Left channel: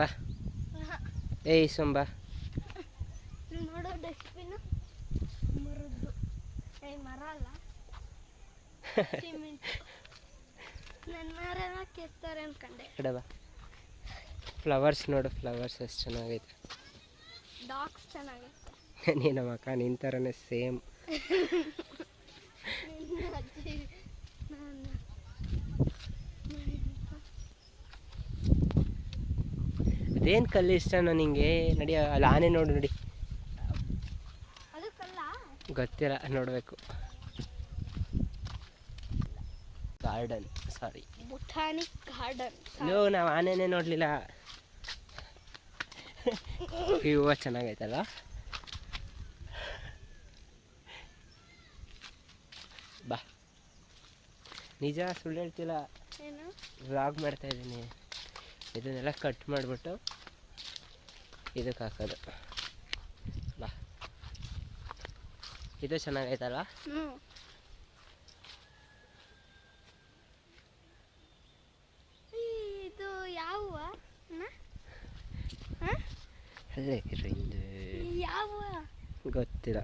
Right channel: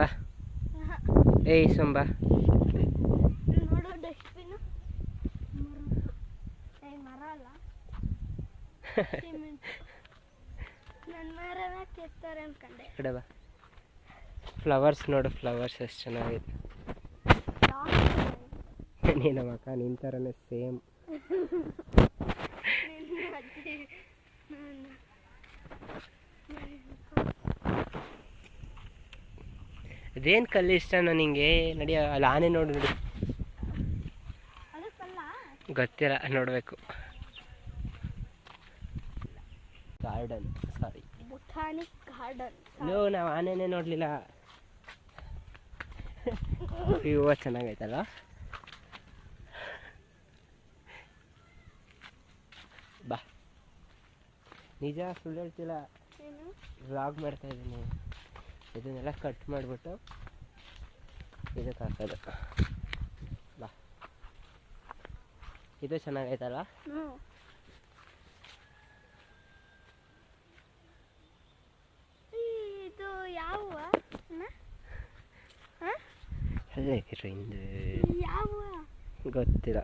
ಬಾ ಏಯ್ ಸೊಂಬಾ ನೋಡು ಡಸ್ಟ್ಬಿನ್ ಮರದ್ದು ಮರ ಅಲ್ಲ ಸಿಮೆಂಟ್ ನನ್ನ ಮರನ ಕೆತ್ತಾರೆ ಅನ್ಕೊಂಡೆ ಕಡೆ ಬಾ ಫ್ಲವರ್ಸ್ ನೋಡು ಫ್ಲವರ್ಸ್ ಎಷ್ಟು ಚೆನ್ನಾಗೈತೆ ನೀನು ಮಕ್ಕ ನಿನ್ನ ಥರನೇ ಸೇಮ್ ಅದೇನು ಕಲ್ಲು ಇಷ್ಟನೋ ನಿಂಗೆ ನಡಿ ಅಲ್ಲಿ ಆನೆ ನೋಡು ನೋಡಿ ಗೊತ್ತಿಲ್ಲ ನೋಡಬೇಕು ಗಾರ್ಡನ್ ಸಾರಿ ಬೊಟಾನಿಕ್ ಗಾರ್ಡನ್ ನಾವು ಆನೆನೇ ನೋಡಲಿಲ್ಲ ಈ ಹೂವು ಚೆನ್ನಾಗೈತಲ್ಲ ಬಾ ನಿಜ ಸುಳ್ಳು ಹೇಳ್ತಿಲ್ಲ ವ್ಲಾಗ್ ಮಾಡ್ತಾ ಇದ್ದೀನಿ ಇದನ್ನೆಲ್ಲ ಕಟ್ ಮಾಡಿಬಿಟ್ಟು ಇದಕ್ಕೆ ಹಾಕೋದು ಬಾ ಇದು ಚೆನ್ನಾಗೈತಲ್ಲ ಇದು ಯಾವ ಅಲ್ಲೇ ಇರು ಹಿಂದೆ ಯಾವ ಗೊತ್ತಿಲ್ಲ